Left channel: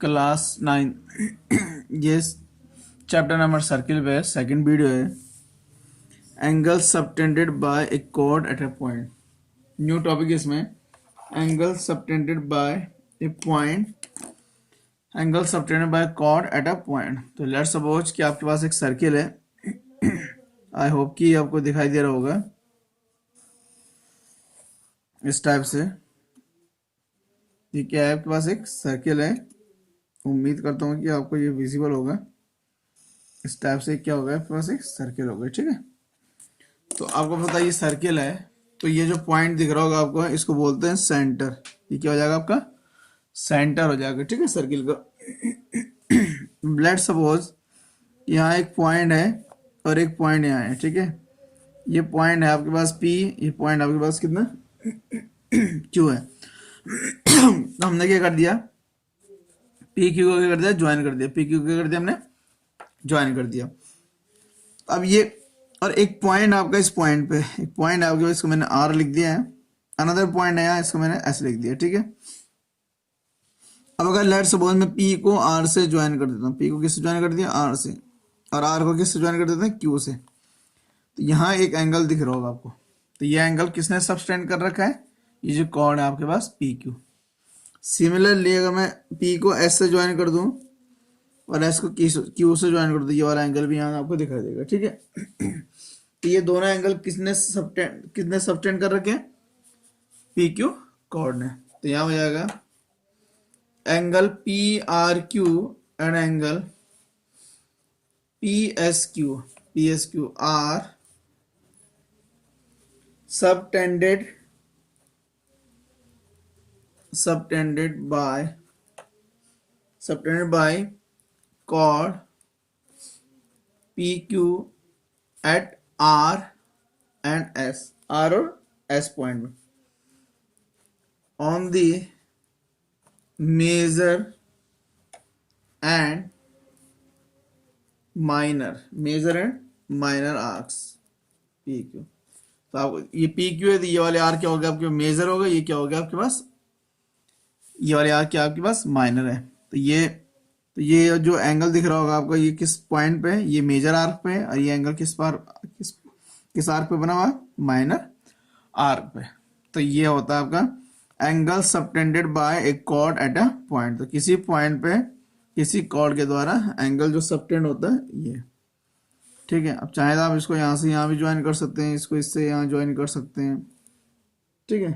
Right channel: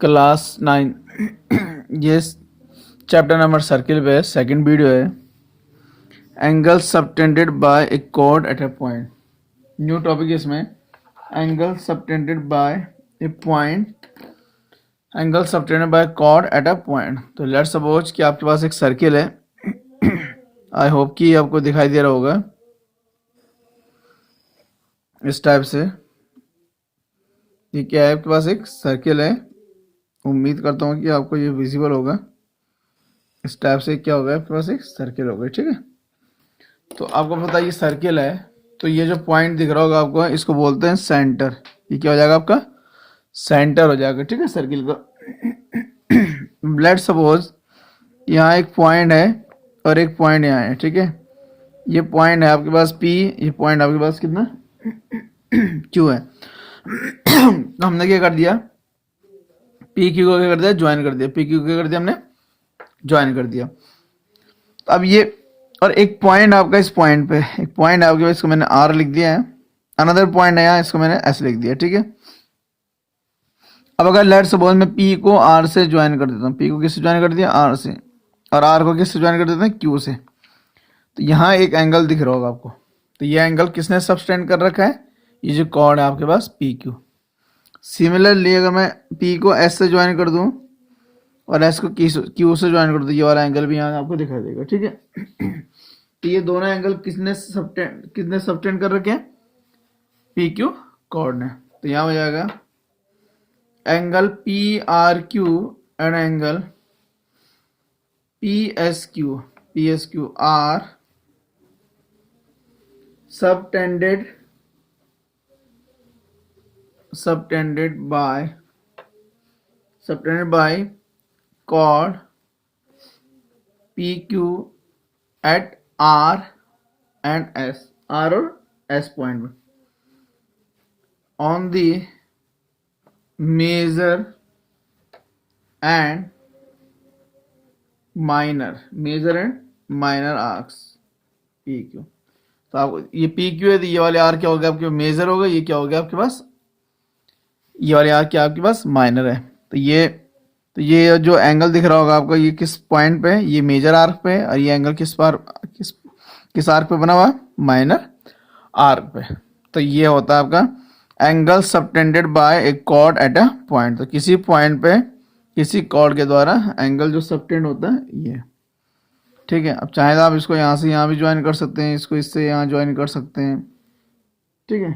Class 9 ये chapter number circle पे second video है। Angle subtended by a chord at a point. New topic है इसमें। Angle subtended by a point, angle subtended by chord at a point. तो let suppose कि आपके पास एक सर्किल है। आई होप कि आपको दिखाई दे रहा होगा इस टाइप से। ये क्या है, आपके पास एक सर्किल है। उम्मीद करता हूँ कि आपको ये विजिबल होगा। इस टाइप से क्या होगा, आपके पास एक सर्किल होगा, ठीक है। तो आपको पता है ये सर्किल है, तो ये जो पॉइंट दिख रहा होगा आपको, इसको बोलते हैं सेंटर। ये क्या हो जाएगा, आपका सेंटर हो जाएगा, ठीक है, सर्किल का। लेट्स सपोज यहाँ एक पॉइंट है और एक पॉइंट यहाँ है, ठीक है। ये पॉइंट है आपके पास P, ये पॉइंट आपके पास कितना Q है। तो हमने क्या कर दिया, पी क्यू को क्या कर दिया, ज्वाइन कर दिया। पी क्यू को क्या कर दिया, हमने ज्वाइन कर दिया। तो अब ये और एक पॉइंट आपका इस पॉइंट पे, एक पॉइंट आपके पास, इसको मैंने R लिख दिया है। अनदर पॉइंट है यहाँ, इसको मैंने S लिख दिया, ठीक है। अब अगर लेट सपोज मैं P को R से ज्वाइन कर देता हूँ, P को किससे ज्वाइन कर दिया, R से, और R को किससे ज्वाइन कर देते हैं, Q से। तो यहाँ एक एंगल दिख रहा होगा आपको। तो ये एंगल किसने सबटेंड कर रखा है, ये जो कॉर्ड है आपके पास PQ। सिमिलरली अगर मैं P को S से ज्वाइन कर दूँ और S को Q से ज्वाइन कर दूँ, ये वाला एंगल भी यहाँ आपको दिखाई देगा, ठीक है। तो ये दोनों एंगल किसने सबटेंड कर रखे हैं, PQ कॉर्ड ने। तो यहाँ हो जाएगा angle PRQ and angle PSQ are subtended by chord PQ at R and S, R और S पॉइंट में, on the major and minor arcs PQ। तो आपको ये PQ है, तो ये वाले आर क्या हो गया, आपके मेजर होगा। ये क्या हो गया आपके पास, ये वाले आर क्या आपके पास माइनर है। तो ये जो एंगल दिख रहा होगा आपको, ये किस पॉइंट पे है, ये मेजर आर्क पे है। और ये एंगल किस आर्क पे बना हुआ, माइनर आर्क पे। तो ये होता है आपका angle subtended by a chord at a point. तो किसी पॉइंट पे किसी कॉर्ड के द्वारा एंगल जो सबटेंड होता है ये, ठीक है। अब चाहे तो आप इसको यहाँ से यहाँ भी ज्वाइन कर सकते हैं, इसको इससे यहाँ ज्वाइन कर सकते हैं, ठीक है।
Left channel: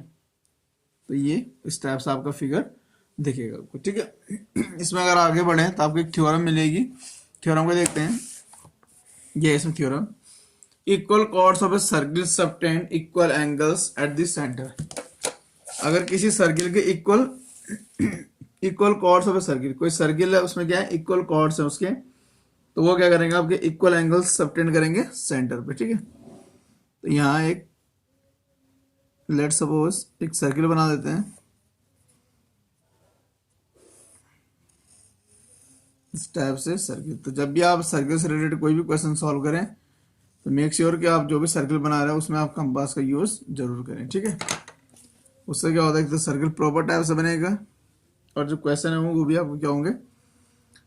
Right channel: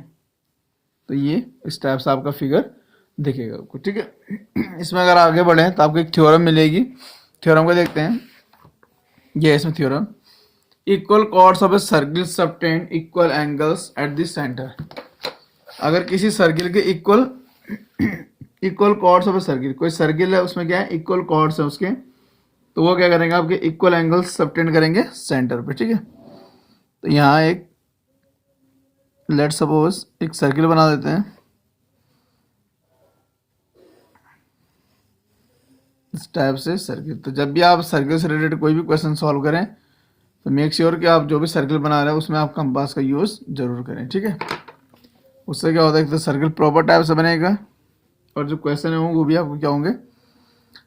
तो ये इस टाइप से आपका फिगर दिखेगा आपको, ठीक है। इसमें अगर आगे बढ़े तो आपको एक थ्योरम मिलेगी। थ्योरम को देखते हैं। ये इसमें theorem, equal chords of a circle subtend equal angles at the centre. अगर किसी सर्किल के equal chords of a circle, कोई सर्किल है उसमें क्या है, इक्वल कॉर्ड्स है उसके, तो वो क्या करेंगे, आपके इक्वल एंगल्स सबटेंड करेंगे सेंटर पे, ठीक है। तो यहाँ एक लेट सपोज एक सर्किल बना देते हैं इस टाइप से सर्किल। तो जब भी आप सर्किल से रिलेटेड कोई भी क्वेश्चन सॉल्व करें तो मेक श्योर कि आप जो भी सर्किल बना रहे हैं उसमें आप कंपास का यूज़ जरूर करें, ठीक है। उससे क्या होता है, तो सर्किल प्रॉपर टाइप से बनेगा और जो क्वेश्चन है वो भी आपको क्या होंगे,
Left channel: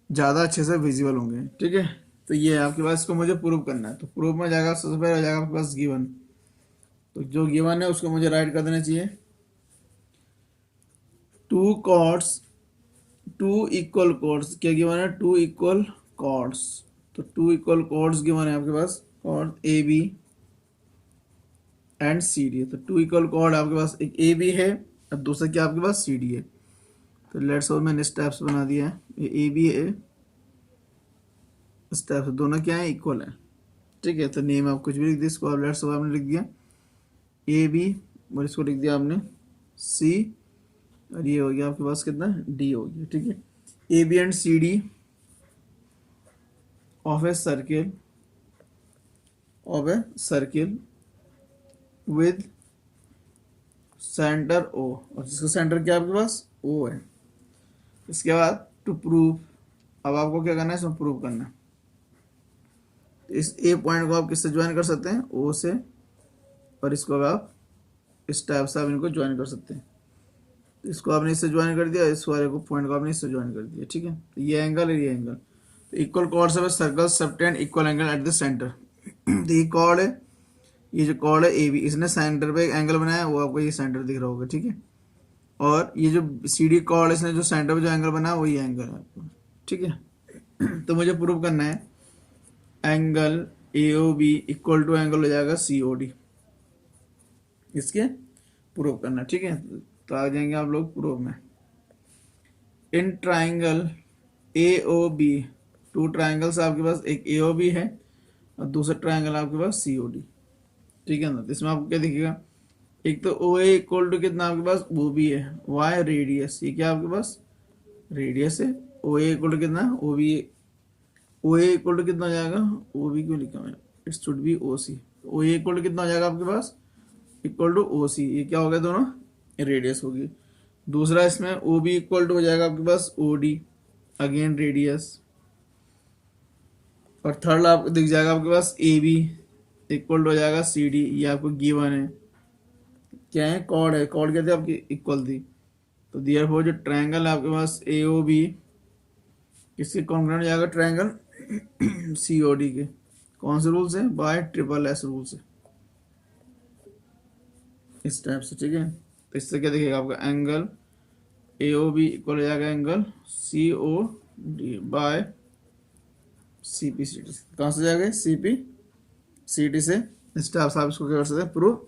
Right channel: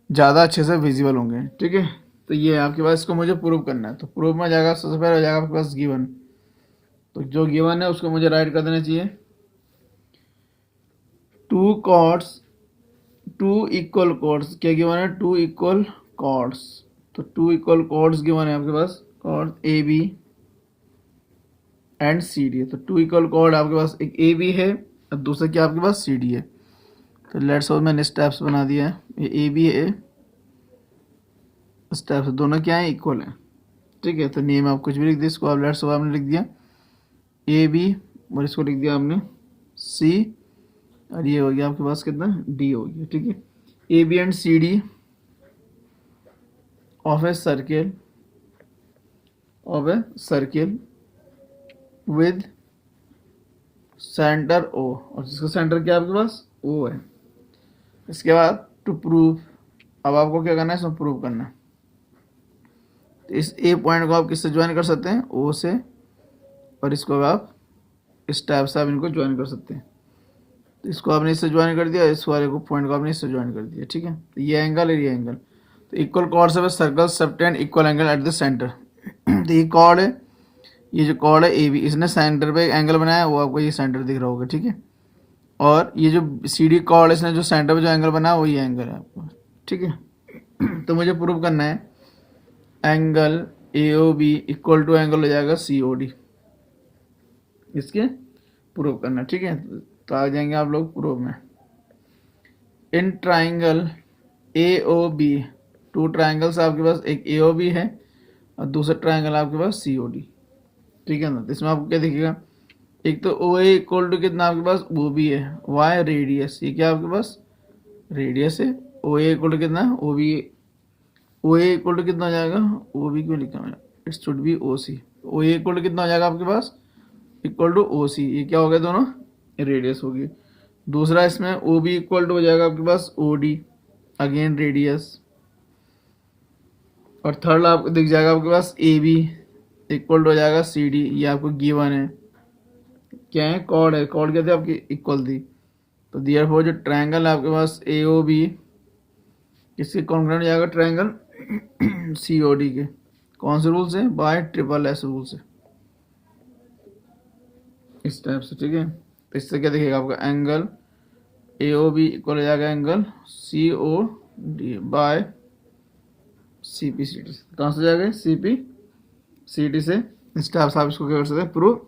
ज़्यादा अच्छे से विजिबल होंगे, ठीक है। तो ये आपके पास, इसको मुझे प्रूव करना है। तो प्रूव में जाएगा, सबसे पहले हो जाएगा आपके पास गिवन। तो जो गिवन है उसको मुझे राइट कर देना चाहिए। टू इक्वल कॉर्ड्स क्या गिवन है, टू इक्वल कॉर्ड्स। तो टू इक्वल कॉर्ड्स गिवन है आपके पास, chord A B and C D है। तो टू इक्वल कॉर्ड आपके पास एक ए बी है और दूसरा क्या आपके पास सी डी है। तो लेट्स सपोज मैंने स्टेप्स बना दिया है, ये ए बी है, स्टेप्स दोनों क्या है, इक्वल है, ठीक है। तो नेम आप कुछ भी लिख दिया, इसको आप लेट्स सपोज आपने लिख दिया ए बी और इसको लिख दिया आपने सी, और ये हो गया आपके पास कितना, डी हो गया, ठीक है। A B and C D of a circle with centre O, और जिसका सेंटर क्या आपके पास ओ है। इसके बाद टू प्रूव, अब आपको क्या करना है, इसमें प्रूव करना है। तो इस ए पॉइंट को आप किससे ज्वाइन कर सकते हैं, ओ से, और इसको आप इस टाइप से आप इनको ज्वाइन कर सकते हैं। तो इसको आपने इससे ज्वाइन कर दिया, इस वाले को पॉइंट को आपने इससे ज्वाइन कर दिया, ठीक है। तो ये एंगल है, ये एंगल, तो equal chords of circle subtend equal angle at the center. तो ये कॉर्ड है, ये जो कॉर्ड है ए बी, इसने सेंटर पे एक एंगल बनाया, वो आपको ये सेंटर दिख रहा होगा, ठीक है। और ये जो सी डी कॉर्ड है, इसने जो सेंटर पे जो एंगल बनाया वो ये एंगल है आपको, ठीक है। तो मुझे प्रूव करना है angle A O B equal to angle हो जाएगा सी ओ डी, इसके प्रूव करना, ठीक है। तो आ जाएंगे आप लोग प्रूव में। इन triangle A O B, two triangles आपके पास, एक ए ओ बी है और दूसरा ट्राइंगल आपके पास सी ओ डी, ठीक है ना। तो इसमें आपको क्या दिखेगा, एक तो ओ ए इक्वल टू कितना आपके पास ओ बी है, वाई रेडियस, ये क्या आपके पास रेडियस है। ओ ए इक्वल टू कितना O B, O A equal to कितना हो जाएगा, ओ बी क्यों लिखा है, it should be O C. O A equal to कितना हो जाएगा आपके पास इक्वल टू ओ सी, ये क्या हो गया दोनों रेडियस होगी। दूसरा इसमें ओ बी इक्वल टू हो जाएगा आपके पास ओ डी, अगेन रेडियस। और थर्ड आपको दिख जाएगा आपके पास ए बी इक्वल टू हो जाएगा सी डी, ये आपको गिवन है, क्या है कॉर्ड है, कॉर्ड क्या थी आपकी इक्वल थी। तो देयरफॉर जो ट्रायंगल है आपके पास ए ओ बी किसके कॉन्ग्रुएंट हो जाएगा, ट्रायंगल सी ओ डी के, कौन से रूल से, बाय ट्रिपल एस रूल से, इस टाइप से, ठीक है। तो इससे क्या दिखेगा आपका angle A O B equal हो जाएगा angle C O D by C P C T, कहाँ से जाएगा सी पी सी टी से। इस टाइप से आप इसको क्या कर सकते हैं, प्रूव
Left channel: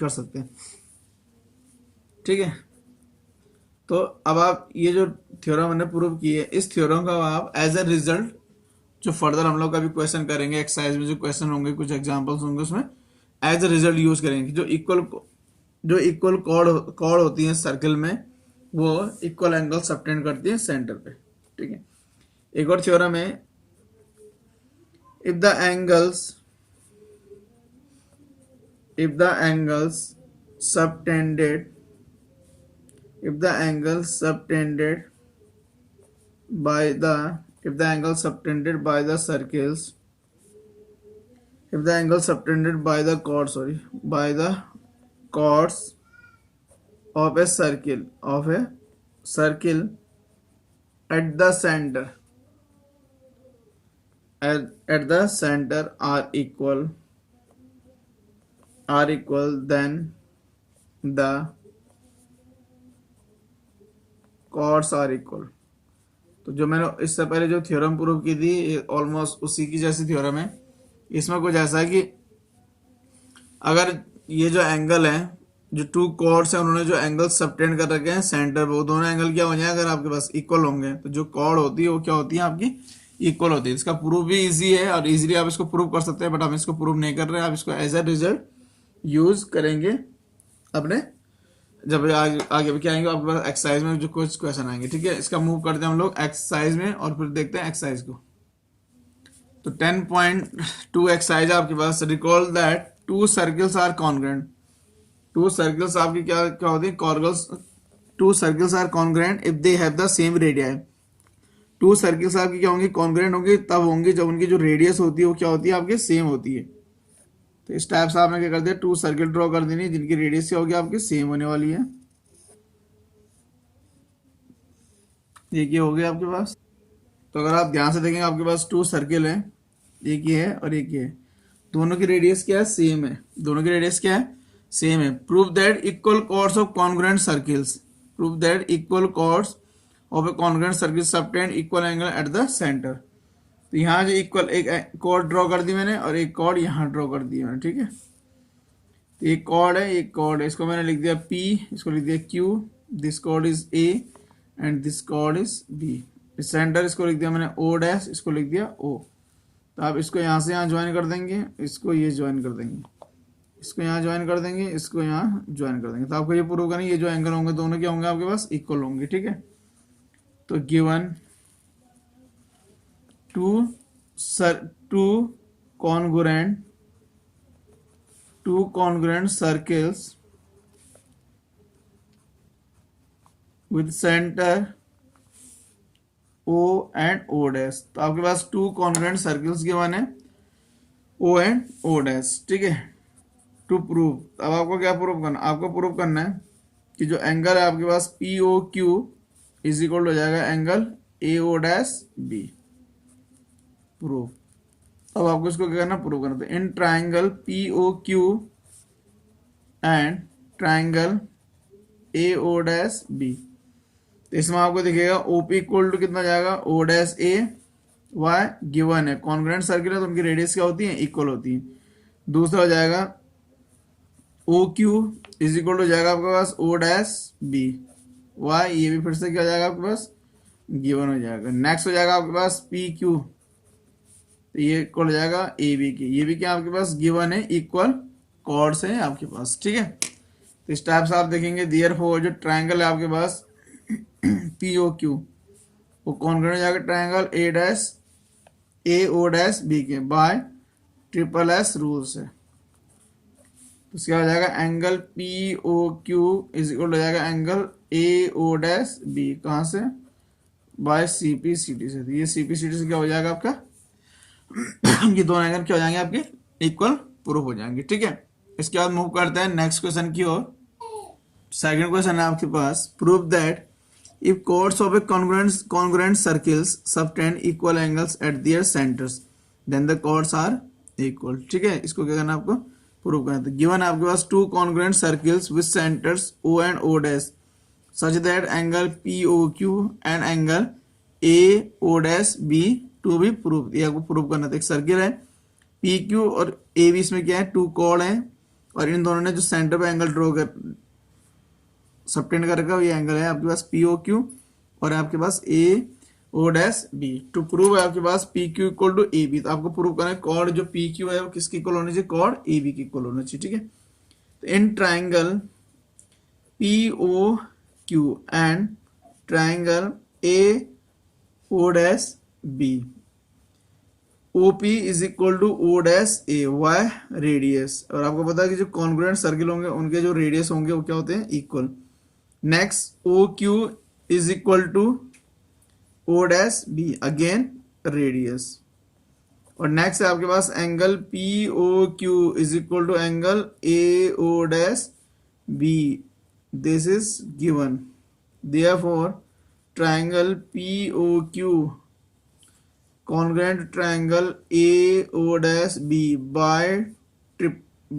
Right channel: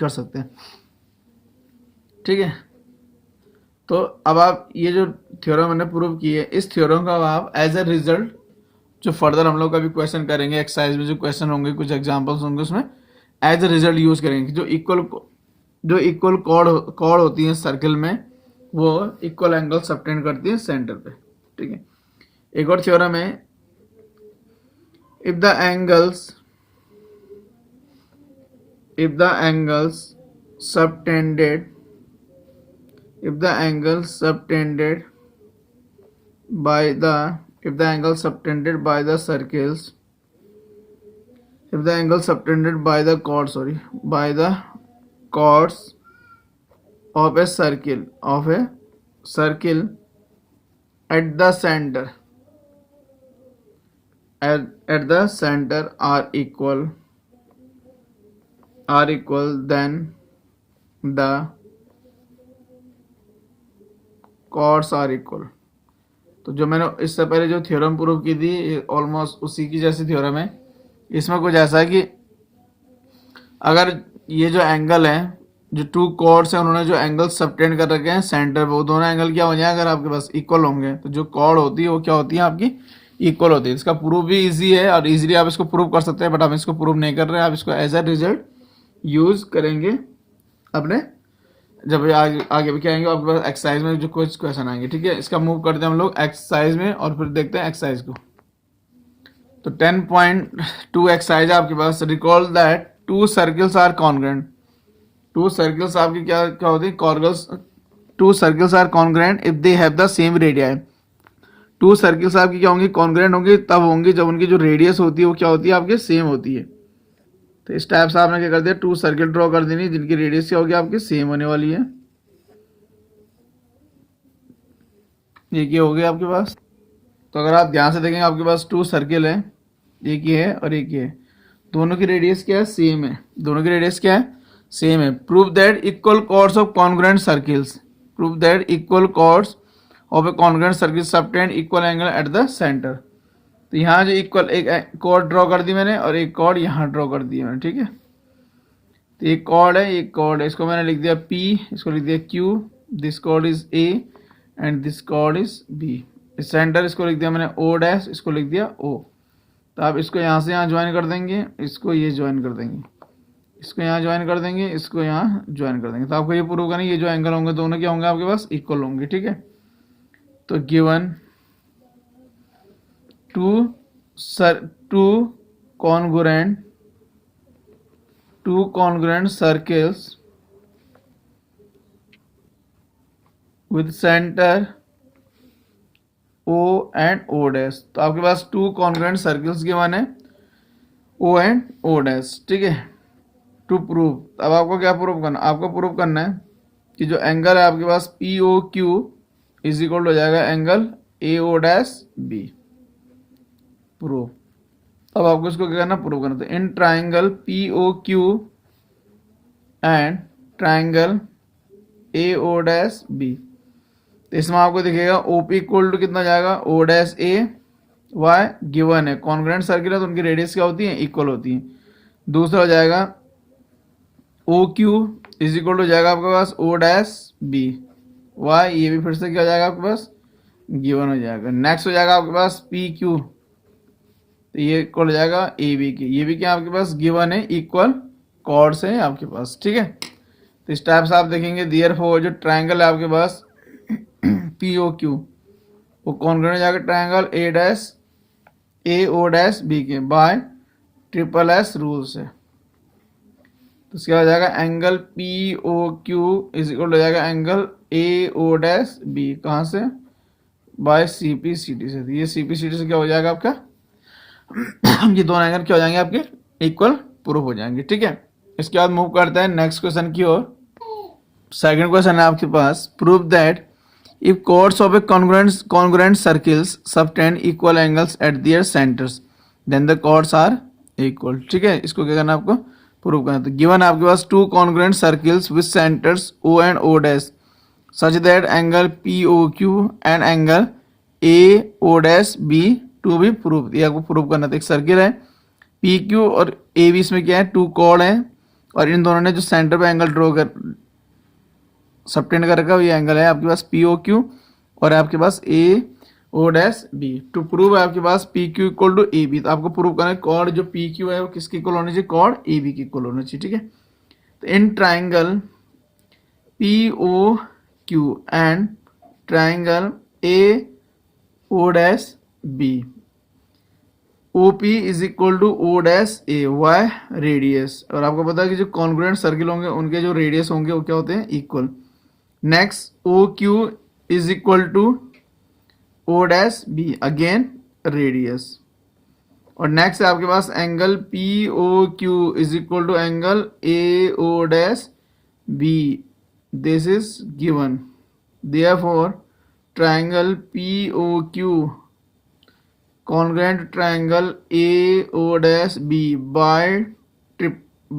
कर सकते हैं, ठीक है। तो अब आप ये जो थ्योरम मैंने प्रूव की है, इस थ्योरम का आप एज ए रिजल्ट जो फर्दर हम लोग का भी क्वेश्चन करेंगे, एक्सरसाइज में जो क्वेश्चन होंगे, कुछ एग्जांपल्स होंगे, उसमें एज ए रिजल्ट यूज करेंगे। जो इक्वल कॉर्ड होती है सर्कल में, वो इक्वल एंगल सबटेंड करती है सेंटर पे, ठीक है। एक और थ्योरम है, if the angles subtended if the angle subtended by the if the angle subtended by the circles if the angle subtended by the chords by the chords of a circle at the center are equal then the chords are equal। तो जो मैंने इससे पहले जो theorem prove की थी almost उसी की जैसी थ्योरम है। इसमें कुछ ऐसा है कि अगर ये जो एंगल है, जो टू कॉर्ड्स हैं, उन्होंने जो एंगल सबटेंड कर रखे हैं सेंटर पे, वो दोनों एंगल क्या हो जाए, अगर आपके पास इक्वल होंगे तो जो कॉर्ड होती है वो क्या होती है आपकी इक्वल होती है। इसका प्रूफ भी इजी है और इजीली आप इसको प्रूव कर सकते हैं, बट हम इसको प्रूव नहीं कर रहे हैं, आप इसको एज ए रिजल्ट यूज करेंगे अपने जब आगे भी क्या आएंगे आपके पास एक्सरसाइज में जो कुछ क्वेश्चन आएंगे, ठीक है। इसका मूव करते हैं हम लोग एक्सरसाइज में और फिर देखते हैं एक्सरसाइज को। तो 10.2 एक्सरसाइज आपके पास, recall that two circles are congruent. Two circles आपकी क्या क्या होती है, two circles are congruent if they have the same radii. Two circles आपकी क्या होंगी, कॉन्ग्रुएंट होंगी तब होंगी जब उनकी जो रेडियस होती है वो क्या होती है आपके सेम होती है। तो इस टाइप से आपने क्या कर दिया, टू सर्किल ड्रॉ कर देनी जिनकी रेडियस क्या होगी आपकी सेम होने वाली है। ये क्या हो गया आपके पास। तो अगर आप ध्यान से देखेंगे आपके पास टू सर्किल है, एक ये है और एक ये है, दोनों की रेडियस क्या है सेम है, दोनों की रेडियस क्या है सेम है। Prove that equal chords of congruent circles, prove that equal chords of a congruent circle subtend equal angle at the center. तो यहाँ जो इक्वल एक कॉर्ड ड्रॉ कर दी मैंने और एक कॉर्ड यहाँ ड्रॉ कर दी मैंने, ठीक है। तो एक कॉर्ड है, एक कॉर्ड है, इसको मैंने लिख दिया P, इसको लिख दिया Q, this cord is A and this cord is B। Centre इसको लिख दिया मैंने O डैश, इसको लिख दिया O। तो आप इसको यहाँ से यहाँ ज्वाइन कर देंगे, इसको ये ज्वाइन कर देंगे, इसको यहाँ ज्वाइन कर देंगे, इसको यहाँ ज्वाइन कर देंगे। तो आपको ये प्रूव करना, ये जो एंगल होंगे दोनों क्या होंगे आपके पास इक्वल होंगे, ठीक है। तो given two congruent circles with center O and O dash। तो आपके पास टू कॉन्ग्रुएंट सर्कल्स के वन है O एंड O डैश, ठीक है। टू प्रूव, अब आपको क्या प्रूव करना, आपको प्रूव करना है कि जो एंगल है आपके पास P O Q is equal हो जाएगा angle A O dash B. Prove. अब आपको इसको क्या करना, प्रूव करना। तो इन triangle P O Q and triangle A O dash B, तो इसमें आपको दिखेगा ओपी इक्वल टू कितना जाएगा, ओ डैश ए वाई गिवन है। कॉन्ग्रुएंट सर्किल है तो उनकी रेडियस क्या होती है, इक्वल होती है। दूसरा हो जाएगा ओ क्यू इज इक्वल हो जाएगा आपके पास ओ डैश बी वाई, ये भी फिर से क्या हो जाएगा आपके पास, गिवन हो जाएगा। नेक्स्ट हो जाएगा आपके पास पी क्यू, तो ये इक्वल हो जाएगा ए बी की, ये भी क्या आपके पास गिवन है, इक्वल कॉर्ड्स हैं आपके पास, ठीक है। तो इस टाइप से आप देखेंगे देयरफॉर जो ट्रायंगल है आपके पास पी ओ क्यू वो कॉन्ग्रुएंट हो जाएगा triangle A dash A O dash B के बाय ट्रिपल एस रूल से। तो इसका हो जाएगा angle P O Q is equal हो जाएगा angle A O dash B, कहाँ से, by C P C T से। तो ये सी पी सी टी से क्या हो जाएगा आपका ये दोनों एंगल क्या हो जाएंगे आपके, इक्वल प्रूफ हो जाएंगे, ठीक है। इसके बाद मूव करते हैं नेक्स्ट क्वेश्चन की ओर। सेकंड क्वेश्चन है आपके पास, prove that if chords of a congruent circles subtend equal angles at their centers then the chords are equal, ठीक है। इसको क्या करना है आपको, प्रूव करना है। तो गिवन है आपके पास to congruent circles with centers O and O dash such that angle POQ and angle AO dash B to be proved, ये आपको प्रूव करना था। एक सर्किल है PQ और AB इसमें क्या है, टू कॉर्ड है और इन दोनों ने जो सेंटर पे एंगल ड्रॉ कर सबटेंड कर रखा है ये एंगल है आपके पास पी ओ क्यू और आपके पास A O dash B. To prove है आपके पास P Q equal to A B, तो आपको प्रूव करना है कॉर्ड जो पी क्यू है वो किसके इक्वल होना चाहिए, कॉर्ड ए बी के इक्वल होना चाहिए, ठीक है। तो इन triangle P O Q and triangle A O dash B O P is equal to O dash A why radius, और आपको पता है कि जो कॉन्ग्रुएंट सर्किल होंगे उनके जो रेडियस होंगे वो क्या होते हैं, equal. Next O Q is equal to O dash B again radius, और नेक्स्ट है आपके पास angle P O Q is equal to angle A O dash B, this is given. Therefore triangle P O Q congruent triangle A O dash B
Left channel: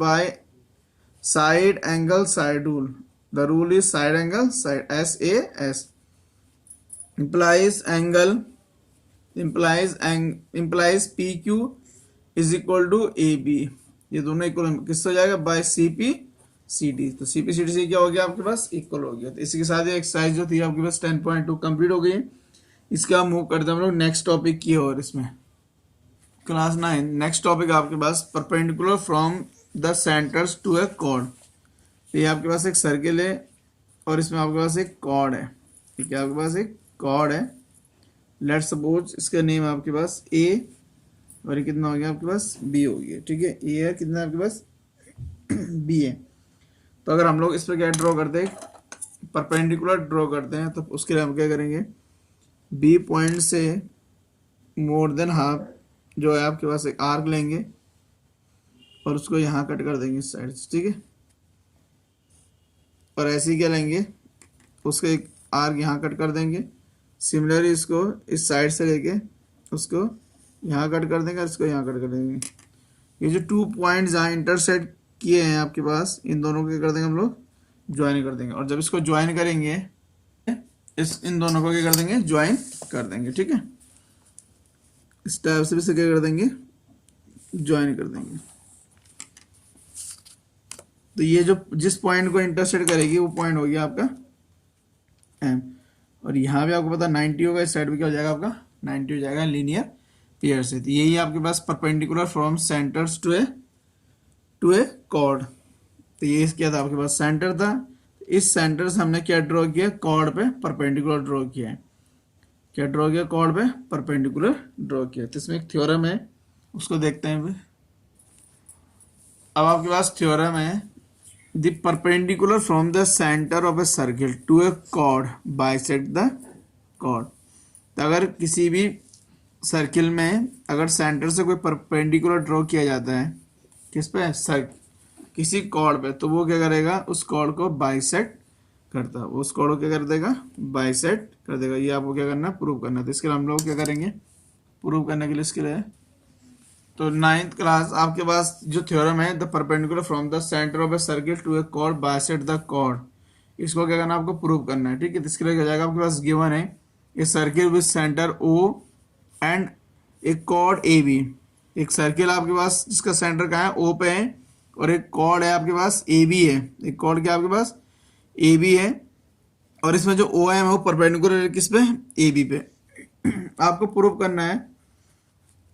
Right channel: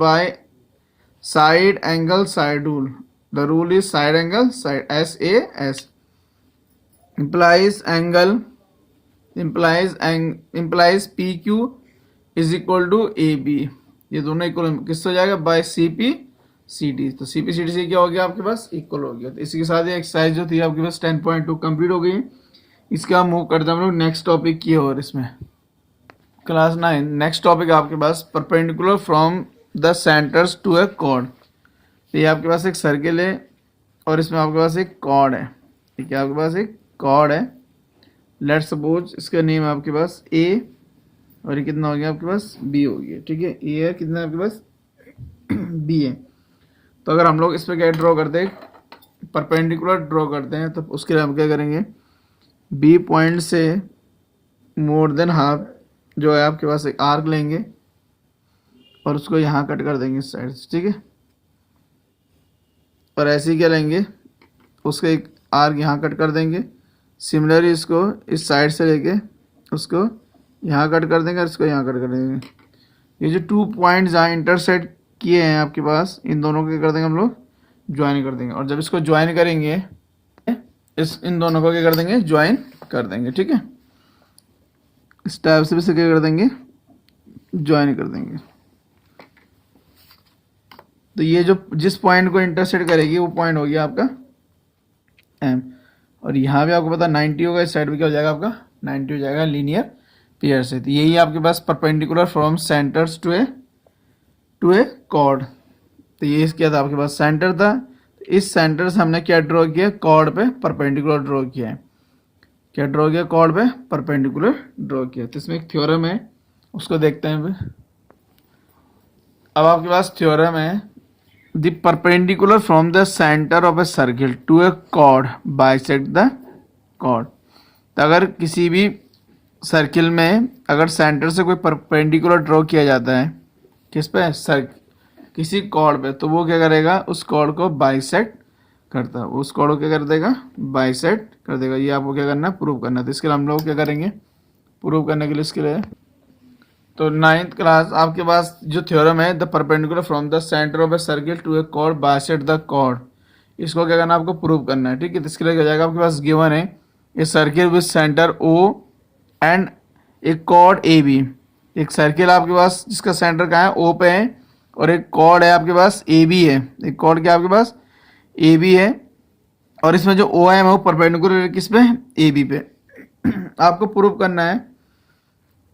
by side angle side rule. The rule is side angle side SAS implies PQ is equal to AB, ये दोनों equal किससे हो जाएगा, bye CP CT। तो CP CT से क्या हो गया आपके पास, इक्वल हो गया। तो इसी के साथ ये एक्सरसाइज जो थी आपके पास 10.2 कंप्लीट हो गई है। इसके आप मूव करते हैं हम लोग नेक्स्ट टॉपिक की ओर। इसमें क्लास 9 नेक्स्ट टॉपिक आपके पास perpendicular from the centres to a chord. ये आपके पास एक सर्किल है और इसमें आपके पास एक कॉर्ड है, ठीक है। आपके पास एक कॉर्ड है, लेट सपोज इसका नेम है आपके पास ए और ये कितना हो गया आपके पास, बी हो गया, ठीक है। ए है कितना आपके पास, बी है। तो अगर हम लोग इस पर क्या ड्रॉ करते हैं, परपेंडिकुलर ड्रॉ करते हैं, तो उसके लिए हम क्या करेंगे, बी पॉइंट से मोर देन हाफ जो है आपके पास एक आर्क लेंगे और उसको यहाँ कट कर देंगे इस साइड से, ठीक है। और ऐसे ही क्या लेंगे, उसको एक आर्क यहाँ कट कर देंगे। सिमिलरली इसको इस साइड से लेके उसको यहाँ कट कर देंगे और इसको यहाँ कट कर देंगे। ये जो 2 पॉइंट्स जहाँ इंटरसेक्ट किए हैं आपके पास, इन दोनों को क्या कर देंगे हम लोग, ज्वाइन कर देंगे। और जब इसको ज्वाइन करेंगे इन दोनों को क्या कर देंगे, ज्वाइन कर देंगे, ठीक है। इस टाइप से भी इसे क्या कर देंगे, ज्वाइन कर देंगे। तो ये जो जिस पॉइंट को इंटरसेक्ट करेगी वो पॉइंट हो गया आपका एम, और यहाँ भी आपको पता 90 होगा, इस साइड भी क्या हो जाएगा आपका 90 हो जाएगा लीनियर पेयर से। तो यही आपके पास perpendicular from centres to a chord. तो ये क्या था आपके पास, सेंटर था। इस सेंटर से हमने क्या ड्रॉ किया, कॉर्ड पे परपेंडिकुलर ड्रॉ किया है। क्या ड्रॉ किया, कॉर्ड पे परपेंडिकुलर ड्रॉ किया। तो इसमें एक थ्योरम है, उसको देखते हैं अभी। अब आपके पास थ्योरम है, the perpendicular from the centre of a circle to a chord bisect the chord. तो अगर किसी भी सर्किल में अगर सेंटर से कोई परपेंडिकुलर ड्रॉ किया जाता है किस पे, किसी कॉर्ड पे, तो वो क्या करेगा, उस कॉर्ड को बाइसेक्ट करता है, उस कॉर्ड को क्या कर देगा, बाइसेक्ट कर देगा। ये आपको क्या करना है, प्रूव करना है। तो इसके लिए हम लोग क्या करेंगे, प्रूव करने के लिए इसके लिए, तो 9th क्लास आपके पास जो थ्योरम है, the perpendicular from the centre of a circle to a chord bisect the chord, इसको क्या करना है, आपको प्रूव करना है। ठीक है, तो इसके लिए क्या जाएगा, आपके पास गिवन है a circle with centre O and एक कॉर्ड ए बी। एक सर्किल आपके पास जिसका सेंटर कहाँ है, ओ पे है, और एक कॉर्ड है आपके पास ए बी है। एक कॉर्ड क्या आपके पास ए बी है, और इसमें जो ओ एम है वो परपेंडिकुलर किस पे, ए बी पे। आपको प्रूव करना है,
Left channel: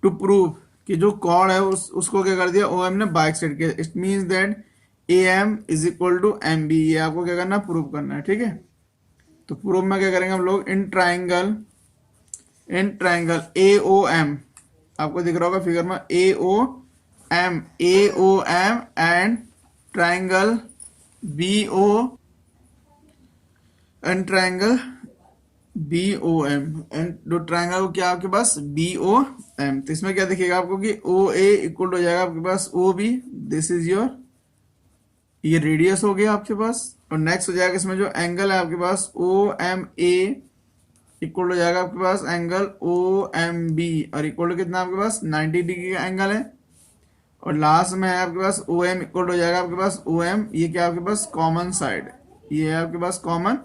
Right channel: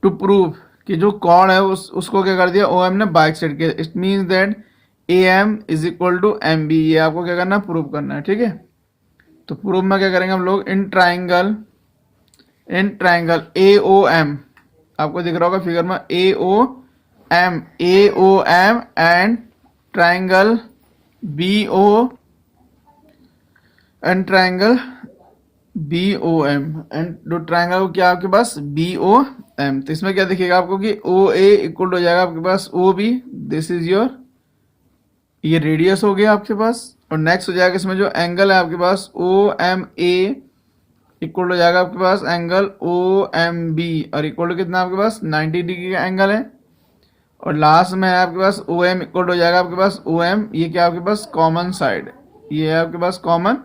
टू प्रूव कि जो कॉर्ड है उसको क्या कर दिया, ओ एम ने बाइसेक्ट किया। It means that A M is equal to M B. ये आपको क्या करना है, प्रूव करना है। ठीक है, तो प्रूव में क्या करेंगे हम लोग, इन ट्राइंगल ए ओ एम, आपको दिख रहा होगा फिगर में, A O M and triangle B O and triangle B O M and जो ट्राइंगल क्या आपके पास बी ओ एम। तो इसमें क्या दिखेगा आपको कि ओ ए इक्वल हो जाएगा आपके पास O B, this is your, ये रेडियस हो गया आपके पास। और नेक्स्ट हो जाएगा इसमें जो एंगल है आपके पास ओ एम ए इक्वल हो जाएगा आपके पास एंगल ओ एम बी, और इक्वल टू कितना आपके पास 90 डिग्री का एंगल है। और लास्ट में है आपके पास ओ एम इक्वल हो जाएगा आपके पास ओ एम, ये क्या आपके पास कॉमन साइड, ये है आपके पास कॉमन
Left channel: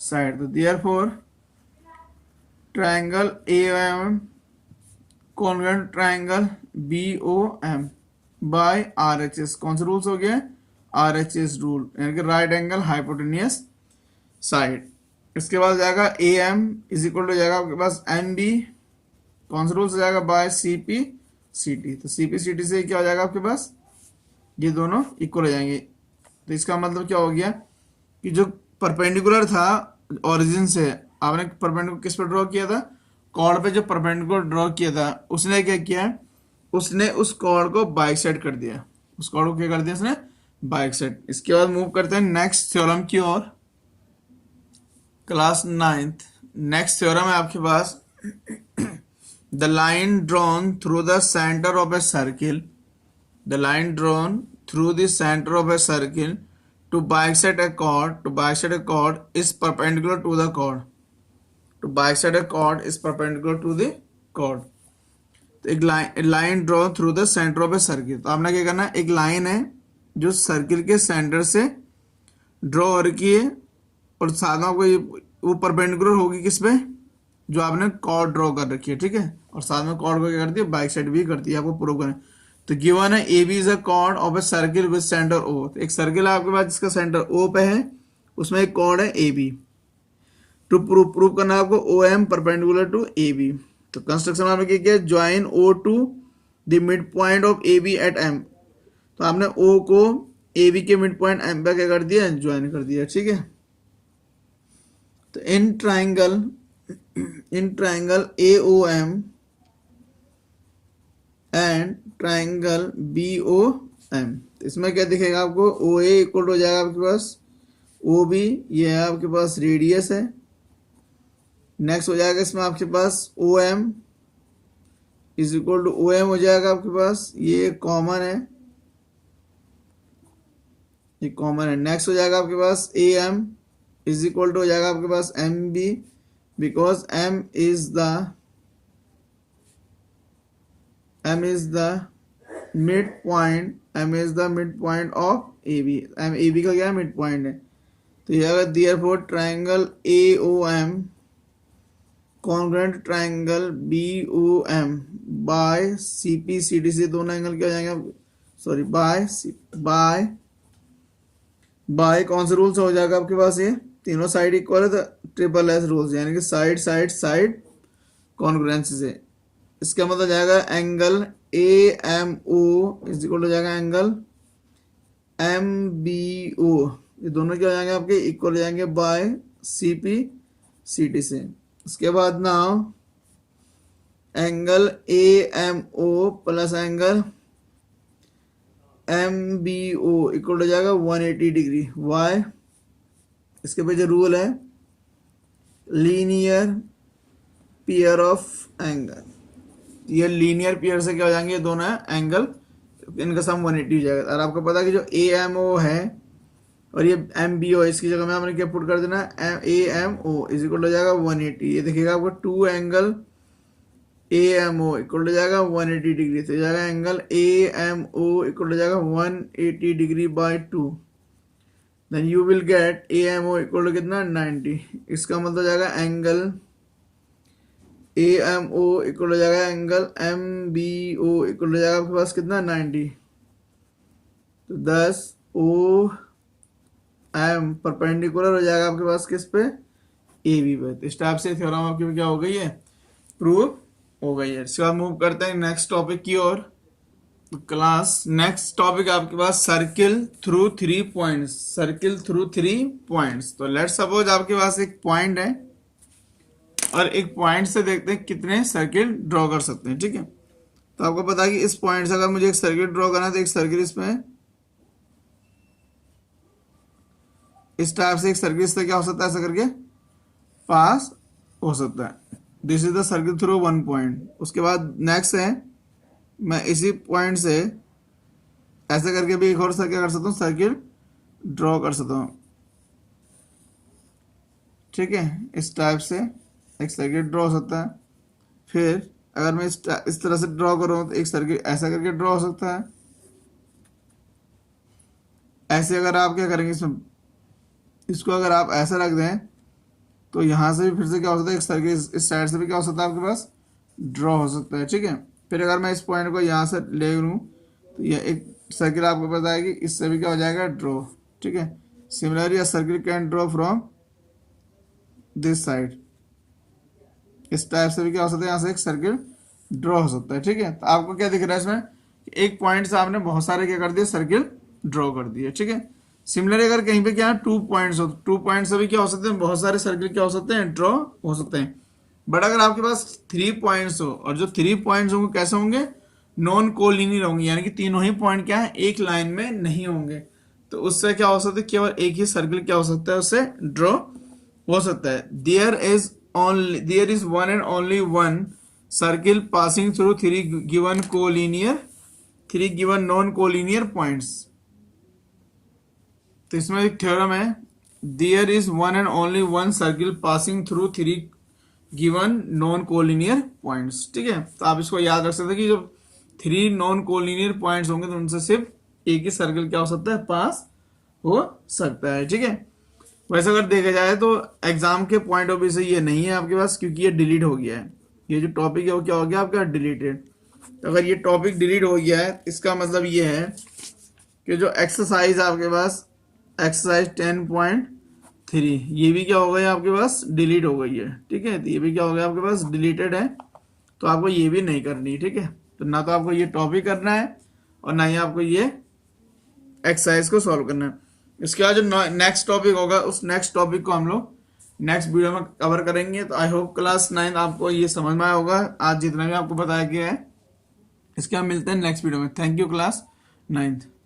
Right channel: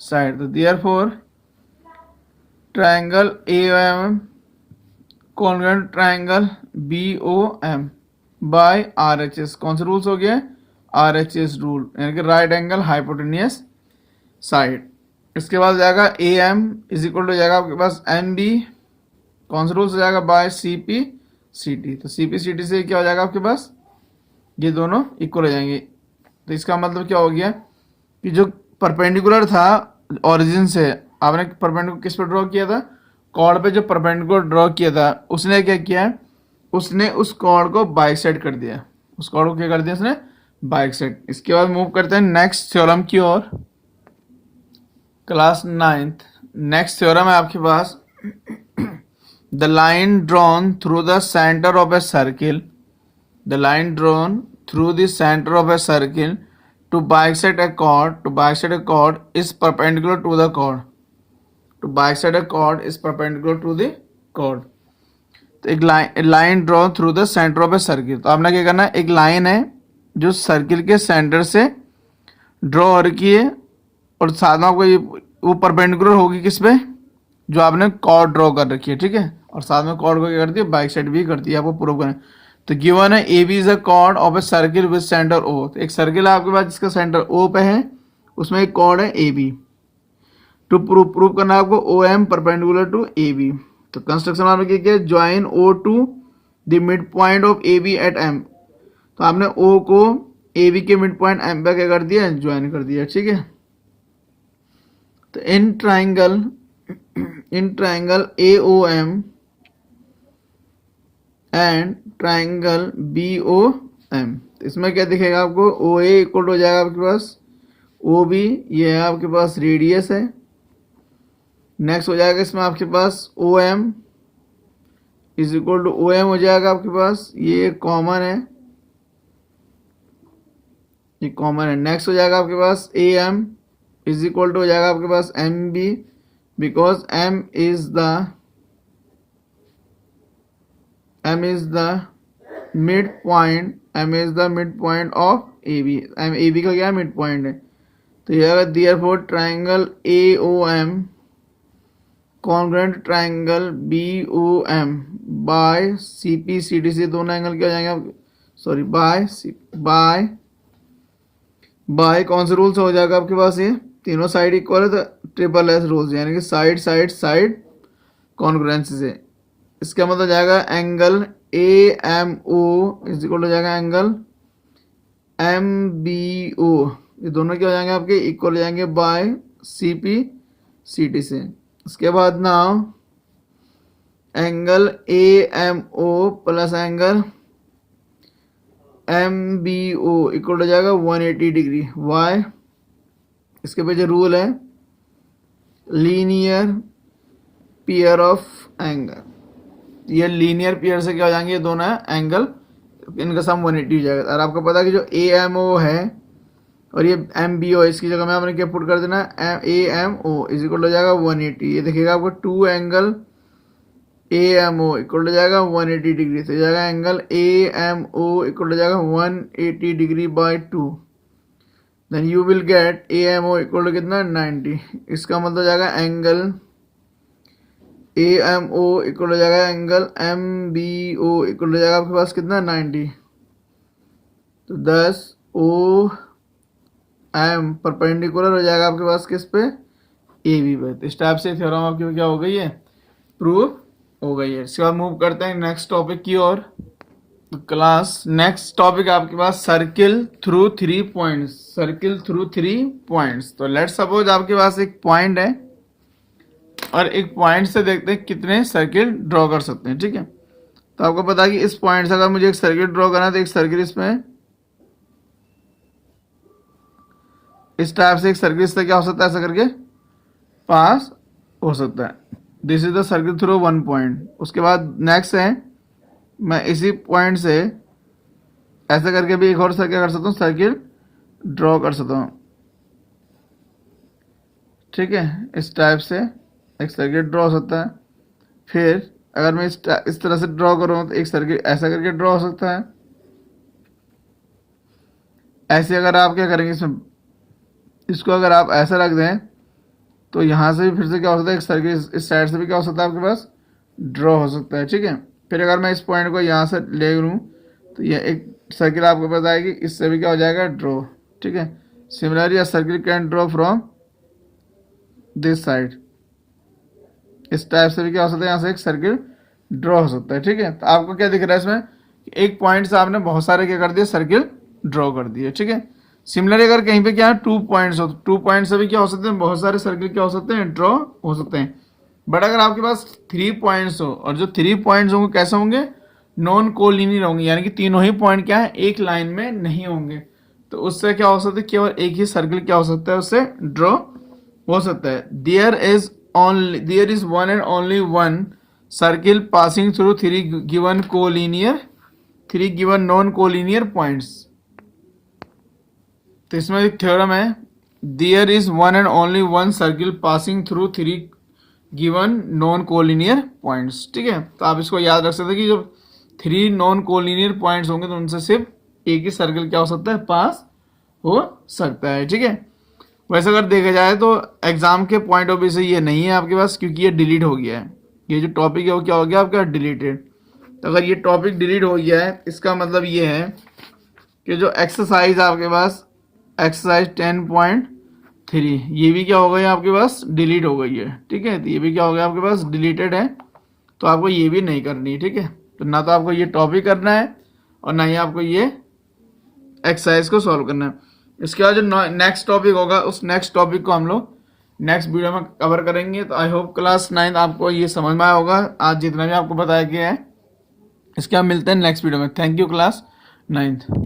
साइड। तो therefore triangle A M congruent triangle B O M by R H S. कौन सा रूल्स हो गया, आर एच एस रूल, यानी कि राइट एंगल हाइपोटेनियस साइड। इसके बाद जाएगा A M is equal to जाएगा आपके पास एम बी, कौन सा रूल से जाएगा, by C P C T. तो सी पी सी टी से क्या हो जाएगा आपके पास, ये दोनों इक्वल हो जाएंगे। तो इसका मतलब क्या हो गया कि जो परपेंडिकुलर था ओरिजिन से, आपने परपेंडिकुलर किस पर ड्रॉ किया था, कॉर्ड पे जो परपेंडिकुलर ड्रॉ किया था, उसने क्या किया, उसने उस कॉर्ड को बाइसेक्ट कर दिया। उस कॉर्ड को क्या कर दिया उसने, बाइसेक्ट। इसके बाद मूव करते हैं नेक्स्ट थ्योरम की ओर, क्लास 9th। नेक्स्ट थ्योरम है आपके पास, the line drawn through the centre of a circle, the line drawn through the centre of a circle to bisect a chord is perpendicular to the chord, to bisect a chord is perpendicular to the chord। तो एक line draw through the centre of a circle, तो आपने क्या करना है, एक line है जो सर्किल के सेंटर से ड्रॉ हो रखी है, और साथ में आपको ये वो परपेंडिकुलर होगी किस पे, जो आपने कॉर्ड ड्रॉ कर रखी है। ठीक है, और साथ में कॉर्ड को क्या करती है, बाइसेक्ट भी करती है। आपको प्रूव करना है। तो गिवन है A B is a chord of a circle with centre O. तो एक सर्किल है आपके पास जिसका सेंटर ओ पे है, उसमें एक कॉर्ड है ए बी। टू प्रूव करना है आपको O M perpendicular to A B. तो कंस्ट्रक्शन आपने क्या किया, join O to the mid point of A B at M. तो आपने ओ को ए बी के मिड पॉइंट एम पे क्या कर दिया, ज्वाइन कर दिया। ठीक है, तो इन triangle A O M and triangle B O M, इसमें क्या दिखेगा आपको, ओ ए इक्वल हो जाएगा आपके पास ओ बी, ये है आपके पास रेडियस है। नेक्स्ट हो जाएगा इसमें आपके पास O M is equal to O M हो जाएगा आपके पास, ये कॉमन है, ये कॉमन है। नेक्स्ट हो जाएगा आपके पास A M is equal to हो जाएगा आपके पास M B, because M is the mid point of A B. M A B का क्या मिड पॉइंट है। तो ये अगर therefore triangle A O M congruent triangle B O M by C P C D से दोनों angle क्या हो जाएंगे, सॉरी बाय कौन से रूल से हो जाएगा आपके पास, ये तीनों साइड इक्वल है तो ट्रिपल एस रूल्स, यानी कि साइड कॉन्ग्रुएंसी से। इसका मतलब जाएगा angle A M O is equal हो जाएगा एंगल एम बी ओ, ये दोनों क्या हो जाएंगे आपके, इक्वल हो जाएंगे by C P C T से। इसके बाद now angle A M O plus angle M B O equal हो जाएगा 180 डिग्री। वाई, इसके पीछे रूल है लीनियर पेयर ऑफ एंगल। ये लीनियर पेयर से क्या हो जाएंगे, ये दोनों एंगल, इनका सम 180 हो जाएगा। और आपको पता है कि जो ए एम ओ है और ये एम बी ओ, इसकी जगह में आपने क्या पुट कर देना, A M O is equal हो जाएगा 180। ये देखिएगा आपको 2 angle A M O equal हो जाएगा 180 डिग्री, तो जाएगा angle A M O equal हो जाएगा 180 degree by 2। Then you will get A M O equal to कितना 90। इसका मतलब हो जाएगा angle A M O equal हो जाएगा angle M B O equal हो जाएगा आपके पास कितना 90। तो 10 ओ एम परपेंडिकुलर हो जाएगा आपके पास किस पे, ए बी पे। तो इस टाइप से थ्योरम आपकी क्या हो गई है, प्रूव हो गई है। इसके बाद मूव करते हैं नेक्स्ट टॉपिक की ओर। क्लास नेक्स्ट टॉपिक आपके पास circle through 3 points, circle through 3 points. तो लेट्स सपोज आपके पास एक पॉइंट है और एक पॉइंट से देखते हैं कितने सर्किल ड्रॉ कर सकते हैं, ठीक है। तो आपको पता है कि इस पॉइंट से अगर मुझे एक सर्किल ड्रॉ करना है तो एक सर्किल इसमें इस टाइप से एक सर्किल इससे क्या हो सकता है, ऐसा करके पास हो सकता है। This is the circle through 1 point. उसके बाद नेक्स्ट है मैं इसी पॉइंट से ऐसे करके भी एक और सर्किल कर सकता हूँ, सर्किल ड्रॉ कर सकता हूँ, ठीक है। इस टाइप से एक सर्किल ड्रॉ हो सकता है। फिर अगर मैं इस तरह से ड्रॉ करूँ तो एक सर्किल ऐसा करके ड्रॉ हो सकता है। ऐसे अगर आप क्या करेंगे, इसमें इसको अगर आप ऐसा रख दें तो यहाँ से भी फिर से क्या हो सकता है, एक सर्किल इस साइड से भी क्या हो सकता है आपके पास ड्रॉ हो सकता है, ठीक है। फिर अगर मैं इस पॉइंट को यहाँ से ले लूँ तो ये एक सर्किल आपको पता है कि इससे भी क्या हो जाएगा ड्रॉ, ठीक है। Similarly a circle can draw from this side. इस टाइप से भी क्या हो सकता है, यहाँ से एक सर्किल ड्रॉ हो सकता है, ठीक है। तो आपको क्या दिख रहा है इसमें, एक पॉइंट से आपने बहुत सारे क्या कर दिए, सर्किल ड्रॉ कर दिए, ठीक है। सिमिलरली अगर कहीं पे क्या है 2 पॉइंट्स हो, 2 पॉइंट से भी क्या हो सकते हैं, बहुत सारे सर्किल क्या हो सकते हैं, ड्रॉ हो सकते हैं। बट अगर आपके पास 3 पॉइंट्स हो, और जो 3 पॉइंट्स होंगे कैसे होंगे, नॉन कोलिनियर होंगे, यानी कि तीनों ही पॉइंट क्या है, एक लाइन में नहीं होंगे। तो उससे क्या हो सकता है, केवल एक ही सर्किल क्या हो सकता है, उससे ड्रॉ हो सकता है। There is one and only one circle passing through 3 given non collinear points. तो इसमें एक थ्योरम है, there is one and only one circle passing through 3 given non collinear points, ठीक है। तो आप इसको याद रख सकते हैं कि जब 3 नॉन कोलिनियर पॉइंट्स होंगे तो उनसे सिर्फ एक ही सर्किल क्या हो सकता है, पास हो सकता है, ठीक है। वैसे अगर देखा जाए तो एग्जाम के पॉइंट ऑफ व्यू से ये नहीं है आपके पास, क्योंकि ये डिलीट हो गया है। ये जो टॉपिक है वो क्या हो गया आपका, डिलीटेड। तो अगर ये टॉपिक डिलीट हो गया है, इसका मतलब ये है कि जो एक्सरसाइज आपके पास एक्सरसाइज 10.3 ये भी क्या हो गई आपके पास, डिलीट हो गई है, ठीक है। तो ये भी क्या हो गया आपके पास, डिलीटेड है। तो आपको ये भी नहीं करनी, ठीक है। तो ना तो आपको ये टॉपिक करना है और ना ही आपको ये एक्सरसाइज को सॉल्व करना है। इसके बाद जो नेक्स्ट टॉपिक होगा, उस नेक्स्ट टॉपिक को हम लोग नेक्स्ट वीडियो में कवर करेंगे। तो आई होप क्लास 9 आपको ये समझ में आया होगा, आज जितना भी आपको बताया गया है। इसके बाद मिलते हैं नेक्स्ट वीडियो में। Thank you class 9।